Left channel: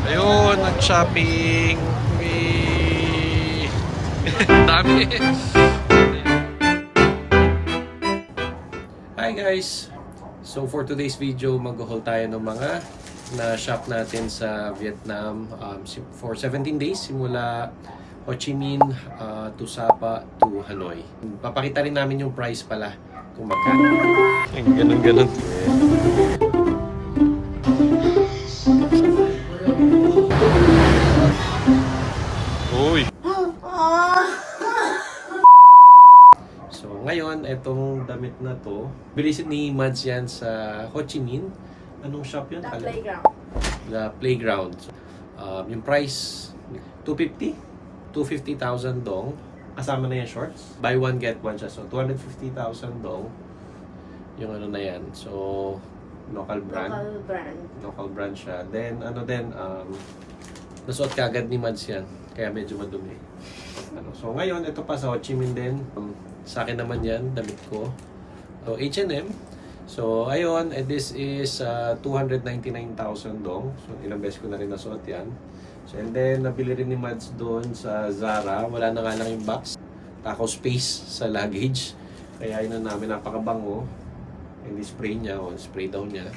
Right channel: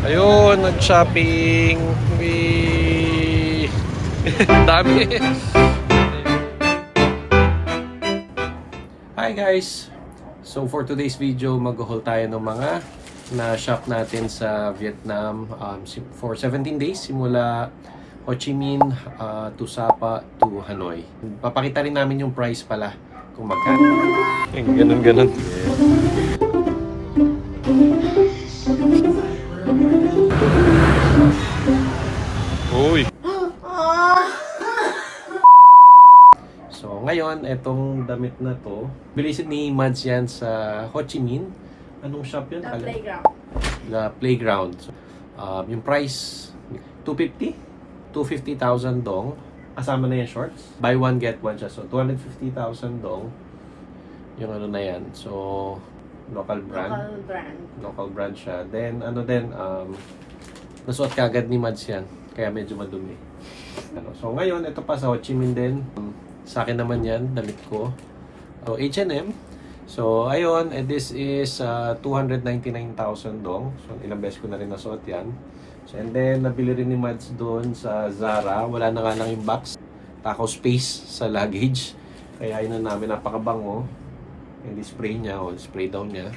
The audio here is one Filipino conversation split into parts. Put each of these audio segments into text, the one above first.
Ayun, nag-shopping. Wee! Dami. Hi guys! So for today's video, mag-haul tayo ng mga na-shop natin sa Vietnam for 17 days simula Ho Chi Minh to Sapa to Hanoi. Papakita rin namin yung price pala kung magkano. Ganun. Yeah. Uy! So ngayon, etong damit na to, bilisin ni Mads yan sa Ho Chi Minh. Anong shop yun? The Playground. The Playground. Yung price, 250,000 dong. Kasama na yung shorts. Buy one, get one siya. So 250,000 dong. Yung ano na yan. So, local brand. Local brand siya. Then, nasuot kagad ni Mads yan. Kaya medyo madumi. So ngayon, ito pa sa Ho Chi Minh din. Sa akin naman yan, damit ko. So H&M. So ayun, this is 299,000 dong. So ilang beses ko na rin nasuot yan. So and then, nabili rin ni Mads doon sa Zara. Wala na nga lang yung box. Tako space sa luggage. Kaya yun na namin, napakabango. And spray niya, spray daw niya.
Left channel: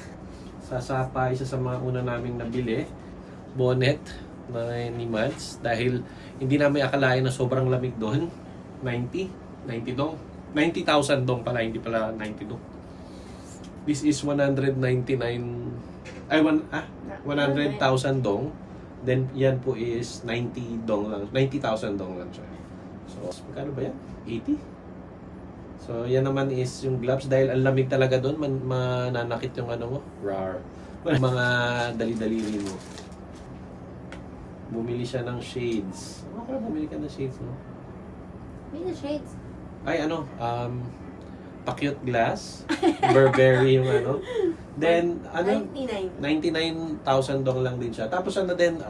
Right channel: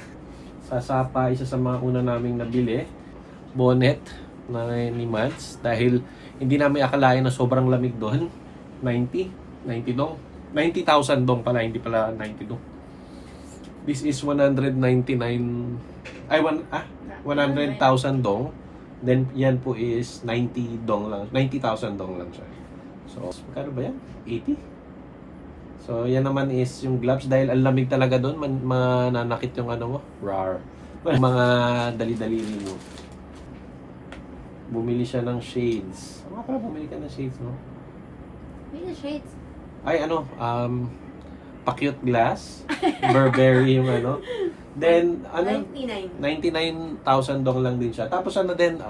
Sa Sapa, isa sa mga una naming nabili. Bonnet na ni Mads dahil hindi namin akalain na sobrang lamig doon. 90 dong. 90,000 dong pala, hindi pala 90 dong. This is 100,000 dong. Then yan po is 90 dong lang. 90,000 dong lang siya. So, magkano ba yan? 80? So, yan naman is yung gloves dahil ang lamig talaga doon, mananakit yung ano mo. Rar. Mga dali-dali mo. Bumili siya ng shades. Ano ka bumili ka ng shades, no? May shades. Ay, pa-cute glass. Burberry yung ano. Then, 99,000 dong lang din siya. Tapos din,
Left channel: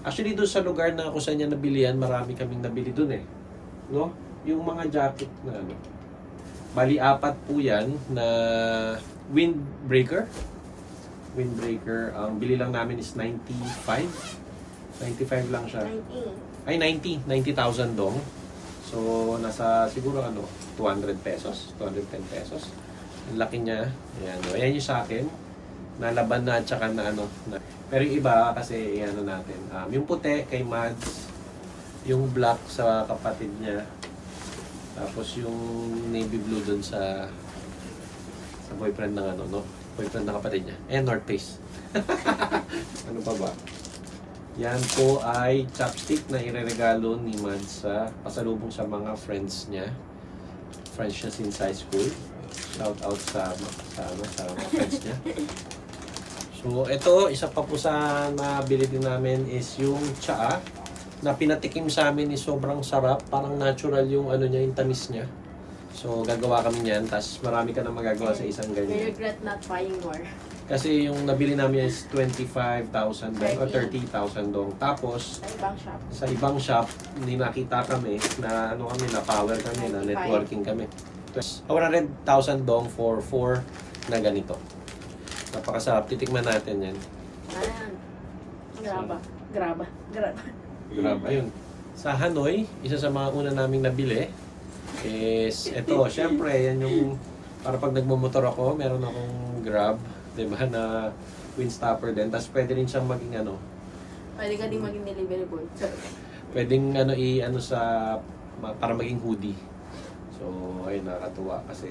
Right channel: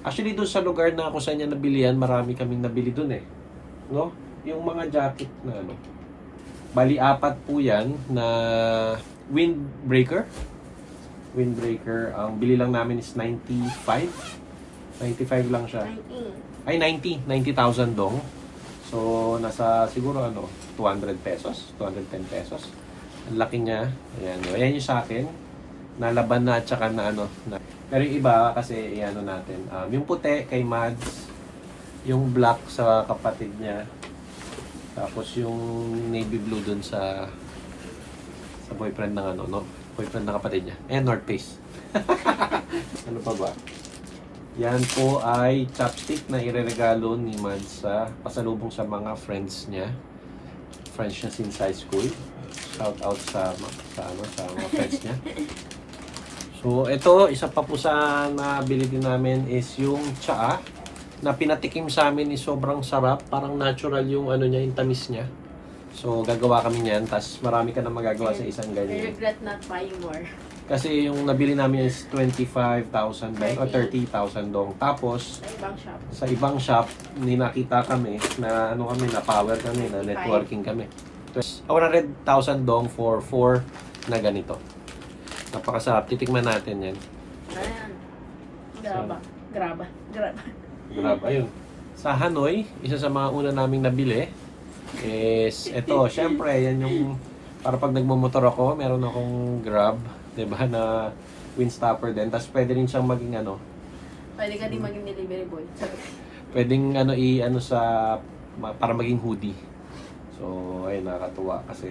actually doon sa lugar na kung saan niya nabili yan, marami kaming nabili doon eh. No? Yung mga jacket na ano. Bali, 4 po yan na windbreaker. Ang bili lang namin is 95 lang siya. 90,000 dong. So, nasa siguro 200 pesos, 210 pesos. Ang laki niya. Ayan yung sa akin. Nalaban na at saka na Pero yung iba kasi natin. Yung puti kay Mads, yung black sa kapatid niya. Tapos yung navy blue dun sa boyfriend ng boyfriend ng kapatid niya. Ayan, North Face. Ano pa ba? Yan po ay chopstick na ireregalo ni Mads sa pasalubong sa mga friends niya. Friends niya since high school. Shout out sa mga friends niya. So ito, isa pa po sa nabili din namin is yung tsaa na pinatikim sa amin is sobrang sarap. Parang natural yung niya, yung tamis niya. So gagawa kami niyan, tapos marami ka na magagawa sa isang ganyan. I regret not buying more. Kasi yung nabili namin is 25,000 dong o 30,000 dong. Tapos, sa ibang shop, nakita kami na na power kami, na networking kami. 100,000 dong for 4 na ganito. Napakasarap. Titikman natin yan. Ayan. Graba. Ayun. Sa Hanoi, isa sa mga una naming nabili is ito. Syempre, yan yung para pag nagmumotor ako, meron akong Grab. Diba, na windstopper din. Tapos pwede rin siyang maging Pwede ka din maging delivery boy. Pwedeng para maging hoodie. So, ayun, nakakatuwa kasi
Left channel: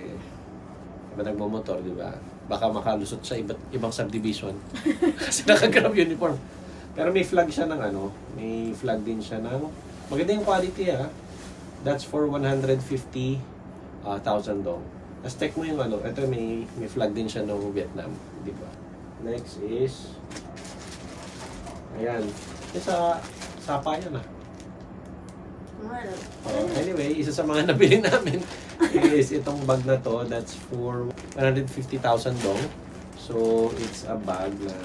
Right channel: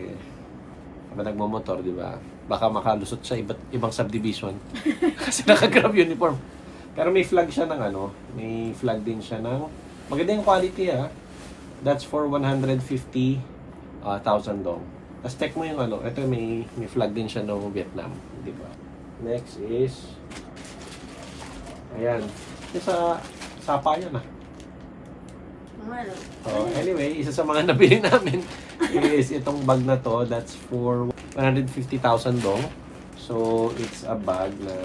nagmamotor, di ba? Baka makalusot sa ibang subdivision. Kasi naka-Grab uniform. Pero may flag siya may flag din siya ng maganda yung quality That's for 150,000 dong. Tapos check mo yung ito may flag din siya ng Vietnam. Dito. Next is, ayan. Sa Sapa yan anyway, isa sa mga nabili namin is itong bag na to. That's for 150,000 dong. So, it's a bag na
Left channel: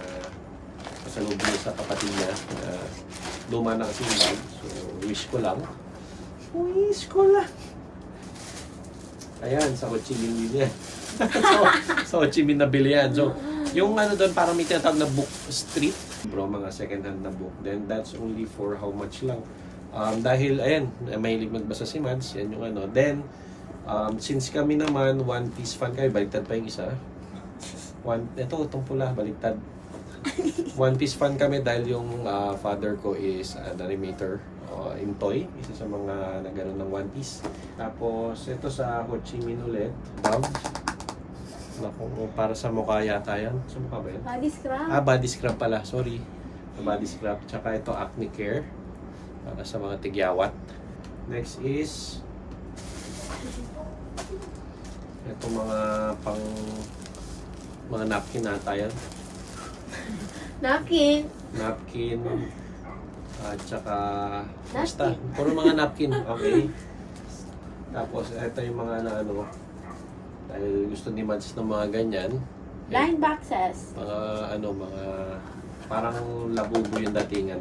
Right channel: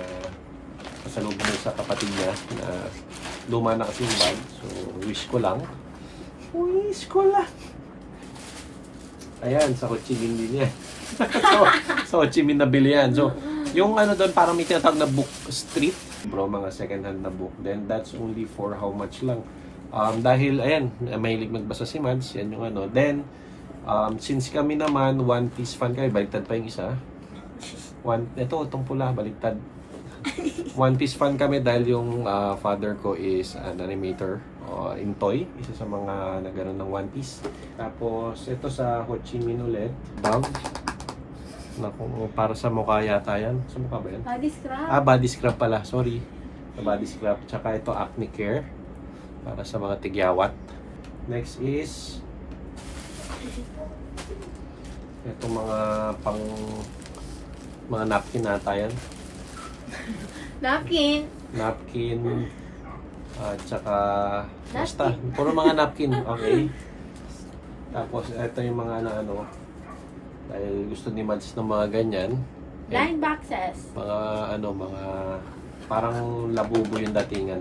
kasalubong mo sa kapatid niya. Luma na kasi yung bag. So, wish ko lang. Ayan, sa Ho Chi Minh din yan. Sa Ho Chi Minh nabili yan. So, yung doon parang may tinatawag na book street. Bro, mga second hand na book. Then that's only for how much lang. Dahil, ayan, mahilig magbasa si Mads, yan yung ano. Then, since kami naman, One Piece fan kami, baliktad pa yung isa. Itong pula, baliktad. One Piece fan kami dahil yung father ko is an animator in toy. Isa sa mga nagano ng One Piece. Tapos, ito sa Ho Chi Minh ulit. Para sa mukha yata yan. Sa mukha ba yan? Body scrub. Body scrub pala. Sorry. Body scrub. Tsaka ito, acne care. Para sa mga tigyawat. Next is ito mga napkin nata yan. Napkin. Napkin. At saka basta. Puro mga napkin. Okay. Tapos ito yung mga ano. Dahil gusto ni Mads ng mga ganyan. Blind boxes. Mga parang labubo yung datingan.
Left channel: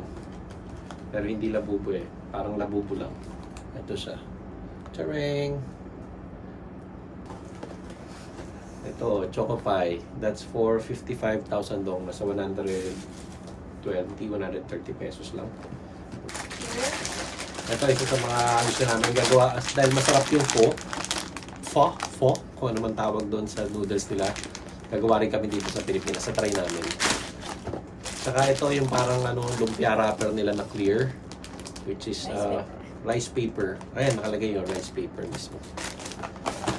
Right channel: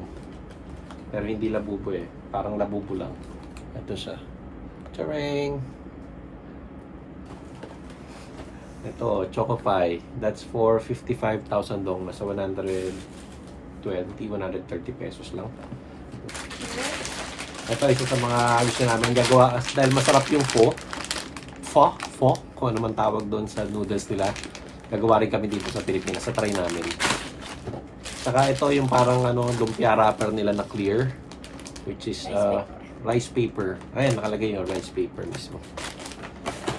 Pero hindi labubo eh. Parang labubo lang. Ito siya. Charing! Ito, Choco Pie. That's for 55,000 dong. Nasa 130 pesos lang. Ito, isa sa mga gusto namin gagawa. Dahil masarap yung pho, kung ano man tawag doon sa noodles nila. Gagawa rin kami dito sa Pilipinas. Sa try namin. Saka ito yung parang lumpia wrapper nila na clear. Which is rice paper. Ayan, nakalagay yung rice paper mismo.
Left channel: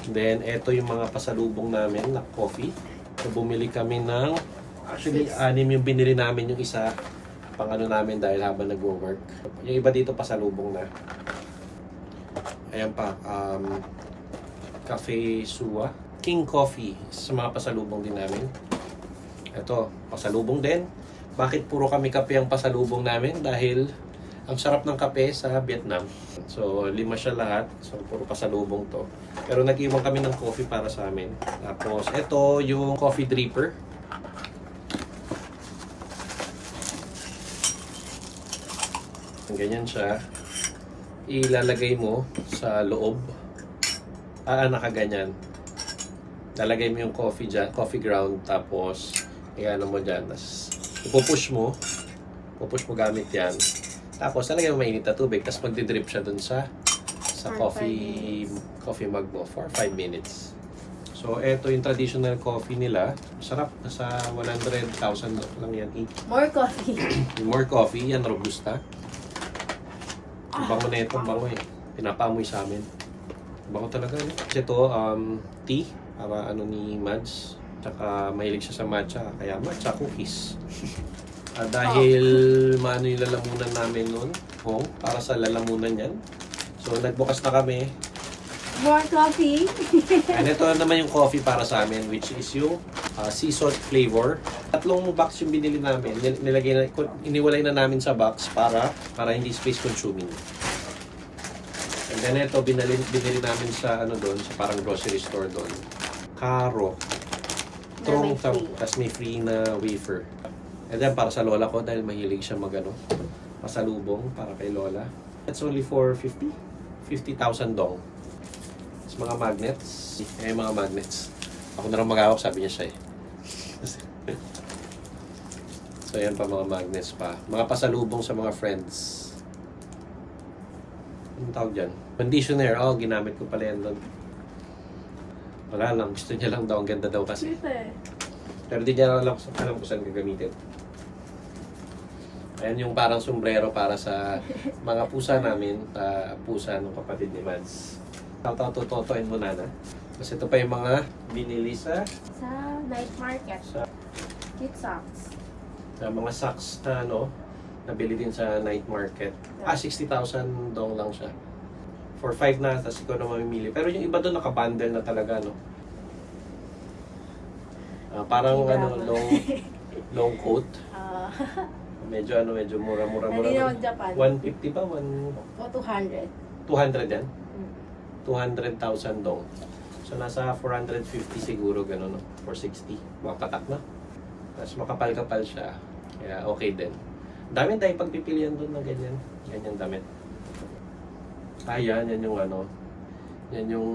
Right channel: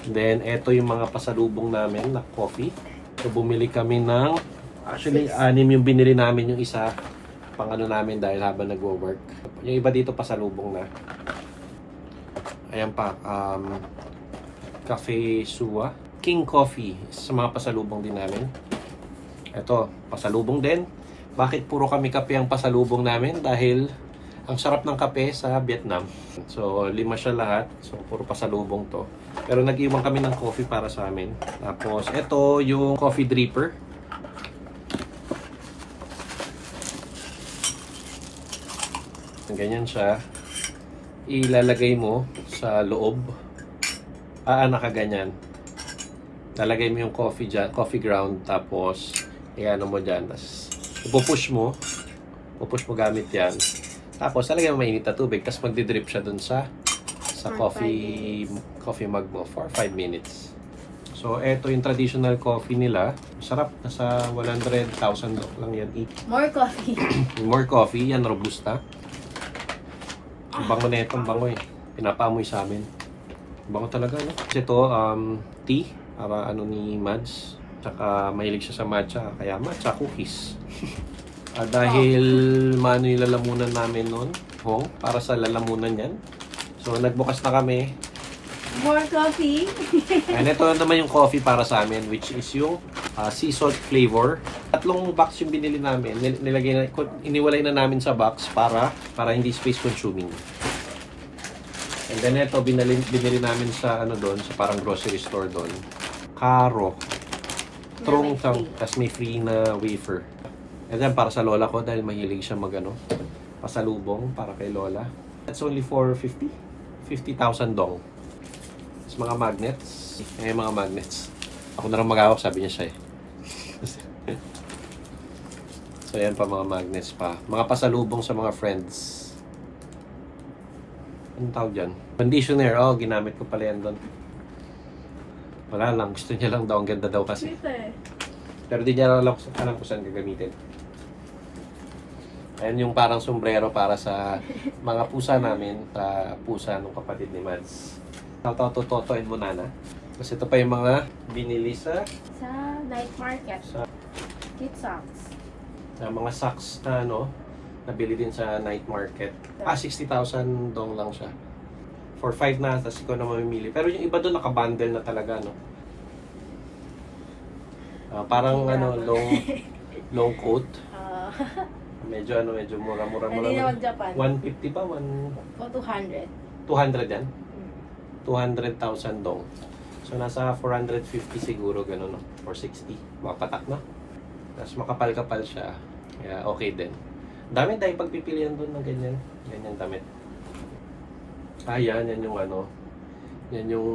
Then, ito yung mga pasalubong namin na coffee. So, bumili kami ng actually, 6 yung binili namin yung isa pang namin dahil habang nag-work. Yung iba dito pasalubong na. Ayan pa, Cafe Suwa. King Coffee sa mga pasalubong din namin. Ito, pasalubong din. Bakit puro kami kape ang pasalubong namin? Dahil ang sarap ng kape sa Vietnam. So, 5 siya lahat. So, puro pasalubong to. Pero nag-iwan kami ng coffee para sa amin. Tapos, ito yung coffee dripper. Ganyan siya. Ilalagay mo sa loob. Nakaganyan. Lalagay mo yung coffee dyan, coffee ground. Tapos, i-ano mo dyan. Tapos, ipupush mo gamit yan. Tapos, lalagay mo mainit na tubig. Tapos, magdidrip siya dun sa coffee mug mo for 5 minutes. So, eto yung traditional coffee nila. Masarap. Nasa 100,000 lang yan each. More coffee. More coffee. Yan, Robusta. Ang bango na itong bango eh. Pinapaamoy sa amin. Bango talaga, no? Kasi ito, tea. Para ni Mads. Tsaka mahilig siya sa matcha. Kaya matcha cookies. Dahil maano yung lalamunan namin noon. Para sa lalamunan yan. So, nagbukas na kami. More coffee. And ito naman yung coffee para sa amin, which is yung sea salt flavor. 3 box yung binili namin. Iniwalay na namin sa box para hindi space consuming. And then ito, binili namin sa sa parang grocery store doon. Caro. Tapos may free na wafer. And then para sa lola ko dahil mahilig siya pasalubong para kay lola. It's only for 50,000 dong. Tapos mga magnets. May mga magnets. Ako na lang mag-awap, sabi niya siya eh. So yan pa mga magnets pa. Mga pasalubong sa mga friends. Anong tawag dyan? Conditioner. Ginamit ko pala yan doon. Wala lang. Gusto niya lang daw. Ang ganda daw kasi. Pero di niya alam kung saan gagamitin. Ayan yung parang sombrero para sa mga pusa namin. Pusa ng kapatid ni Mads. Totoin mo na. Kasi ito pa yung mga binili sa night market. Cute socks. Mga socks na nabili din sa night market. 60,000 dong lang siya. For 5 na, tapos ikaw na mamimili. Pero yung iba doon nakabundle na talaga, parang long coat. Medyo mura-mura. Hindi naman Japan. 150 pa? 200. 200 yan? 200,000 dong. So nasa 450 siguro gano'n, 460. Mapatak na. Tapos makapal-kapal siya. Kaya okay din. Dami tayo pagpipilian doon ng ganyan. Ganyan damit. Yan yung yan yung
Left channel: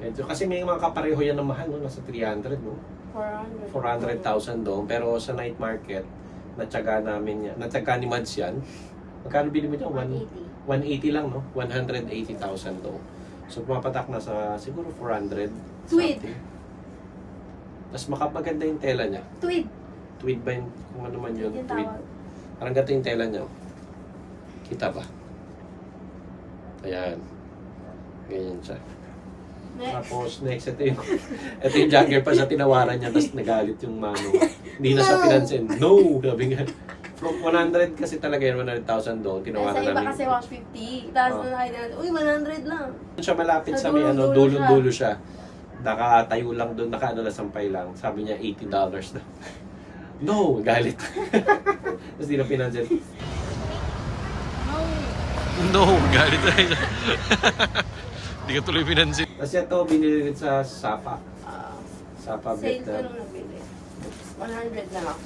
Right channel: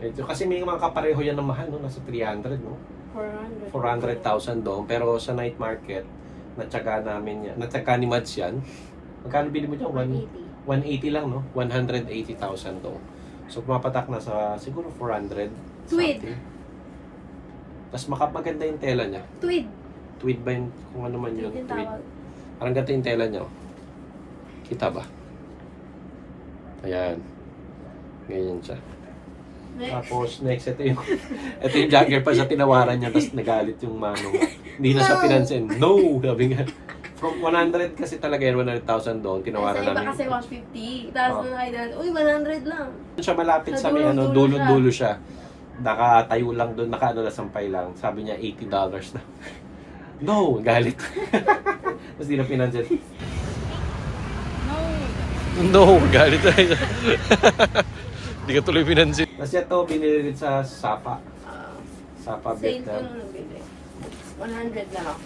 medyo, kasi may mga kapareho yan na mahal, nasa 300, 400. 400,000 doon. Pero sa night market, Natsaga namin yan. Natsaga ni Mads yan. Magkano bili mo dyan? 180. 180 lang, no? 180,000 to. So, pumapatak na sa siguro 400. Tweed. something. Tapos maganda yung tela niya. Tweed. Tweed ba yun? Kung ano man yun. Yung Tweed. tawag. Parang gato yung tela niya. Oh. Kita ba? Ayan. Ganyan siya. Next. Tapos next, ito yung vlogger pa siya tinawaran niya, tapos nagalit yung mano. Hindi na siya pinansin. No! Sabi nga. From 100 kasi talaga yun, 100,000 doon, tinawaran Sa iba namin. kasi 150. Tapos Oh. na nakita, uy, 100 lang. Doon siya malapit Sa sa may ano, dulo-dulo dulo-dulo siya. Nakatayo lang doon, nakaano na sampay lang. Sabi niya, $80 na. No! Galit. Tapos di na pinansin. No. No, galit tayo. Hindi ka tuloy pinansin. Tapos ito, binili rin sa Sapa. Sapa Sale ko Vietnam. nung nabili. 100 lang ako.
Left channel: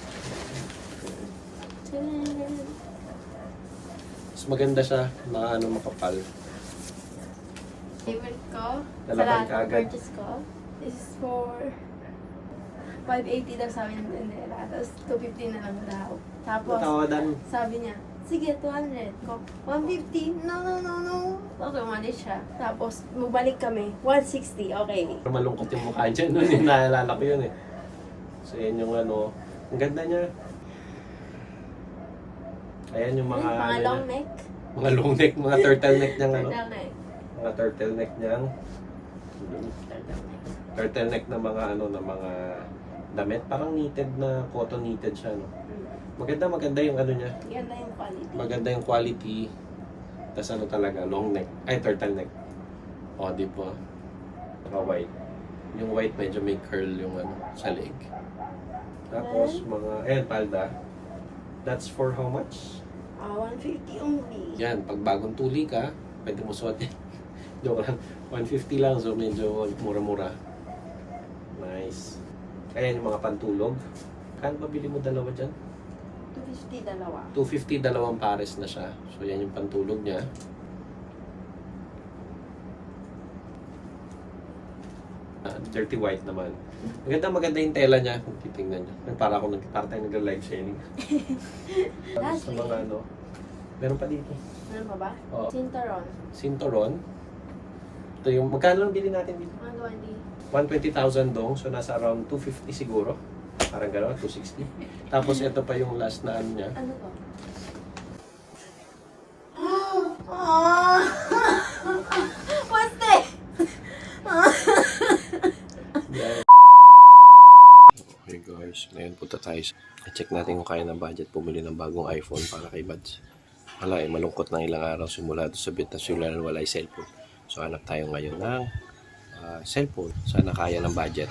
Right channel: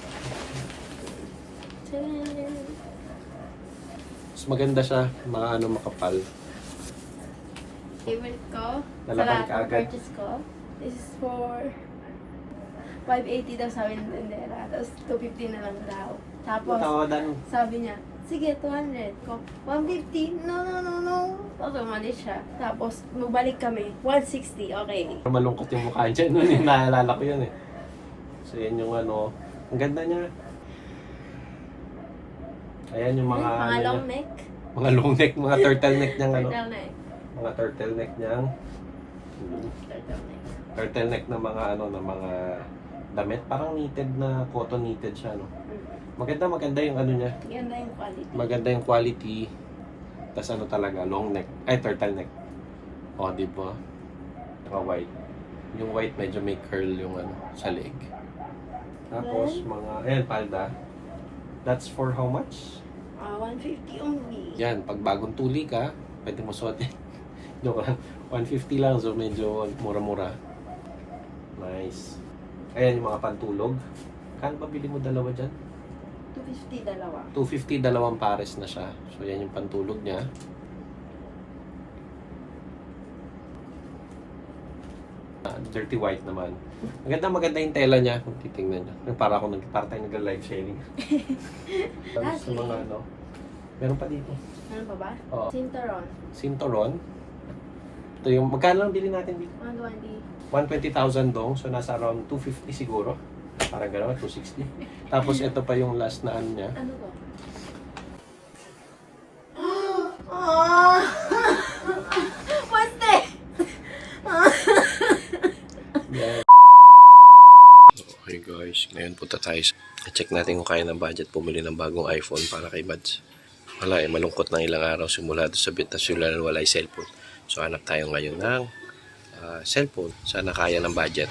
Mas maganda siya, mga ano makapal. Favorite ko, sa Nalaban lahat ka ng agad. purchase ko, this is for 580 daw sabi ng tendera. Tapos 250 na lang daw. Tapos, Tawadan. sabi niya, sige, 200 ko. 150, no. Tapos umalis siya. Tapos, mabalik kami, 160, okay. Malungkot yung mukha niya. Noon yung naalala ko yun eh. So yan yung ano. Ang ganda niya. Ayan yung mga Mga ano long niya. neck. Mga long neck, mga turtleneck niyang ano. Turtleneck. Mga turtleneck niyang. Turtleneck. Turtleneck na mga ano, na mga damit. Parang knitted na, cotton knitted siya. No? Maganda yung ano niya. Ganda yung quality. Maganda yung quality. Tapos ano talaga, long neck. Ay, turtleneck. O, di ba? Mga white. Yung white medyo may curl yung ano, sa leg. Tapos, mga, ayan, palda. That's for how much? 150 only. Yan, pag bagong tuli ka, pwede mo suot yan. Joke lang. 150 lang, so medyo mura-mura. Nice. Ayan yung mga pantulog. Kano ba bili mo dalawa dyan? 250 dalawa. 250, dalawang pares na siya. So yan yung pantulog niya. Dirty white naman. Maganda yung tela niya. Kung titingnan niyo. Para tayo nag-live sharing. Tapos sa mga ano. Meron pa dito. Ano pa ba? Oo. Cinturon. Sintoron. Ito yung, magkano lang bili natin dito? Ano ba di? 120,000 dong. So nasa around 250 siguro. Parang gano'n, 260. Tapos ito pa yung last na ano niya. Ano po? What's that? Okay guys, ngayon punta tayo. Check natin kung kaya ng budget bumili ng bagong iPhone para kay Mads. Wala malungkot na ilang araw simula doon sa Vietnam sila wala yung cellphone. So hanap tayo ngayon ng cellphone. Sana kaya ng budget.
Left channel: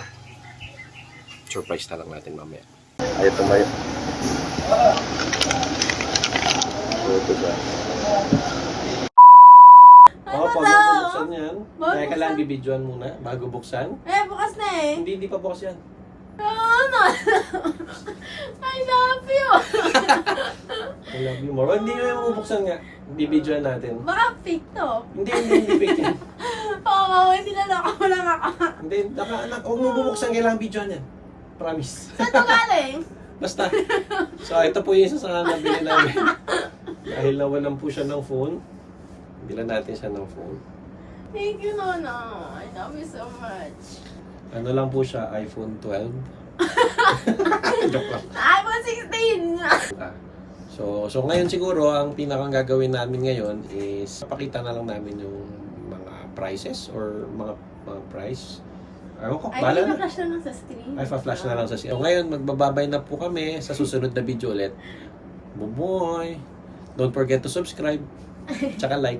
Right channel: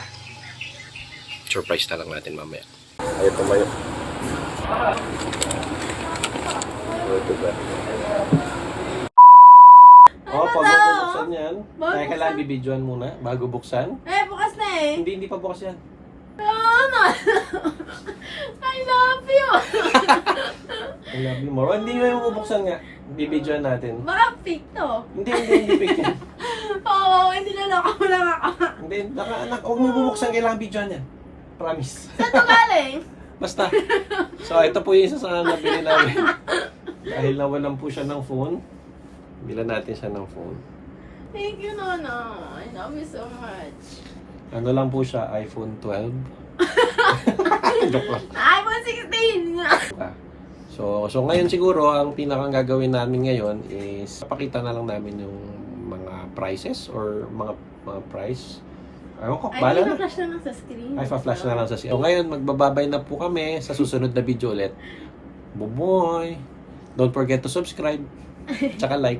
Surprise na lang natin mamaya. Ayaw tumayo. Ito ba? Oh, pag buksan yan. Bago Kaya kailangan bibidyoan muna bago buksan. Bukas na eh. Hindi pa bukas yan. Ano? I love you. I love you more. Hindi yung bubuksan nga. Bibidyoan natin. Baka fake to. Hindi picture. Oo, hindi na ako lang ako. Hindi, anak, huwag mo bubuksan, kailangan bidyoan yan. Promise. Saan to galing? Basta. So, ito po yung isa sa nabili namin. Dahil nawalan po siya ng phone, bilan natin siya ng phone. Thank you, Nono. I love you so much. Ano lang po siya, iPhone 12. Joke lang. iPhone 16! So ngayon siguro, ang pinakang gagawin namin ngayon is pakita na lang namin yung mga prices or mga price. Ayaw ko, Ay, bala hindi na. na-flash na lang sa screen. Ay, pa-flash na lang sa screen. So ngayon, magbababay na po kami sa susunod na video ulit. Buboy! Don't forget to subscribe. Tsaka like.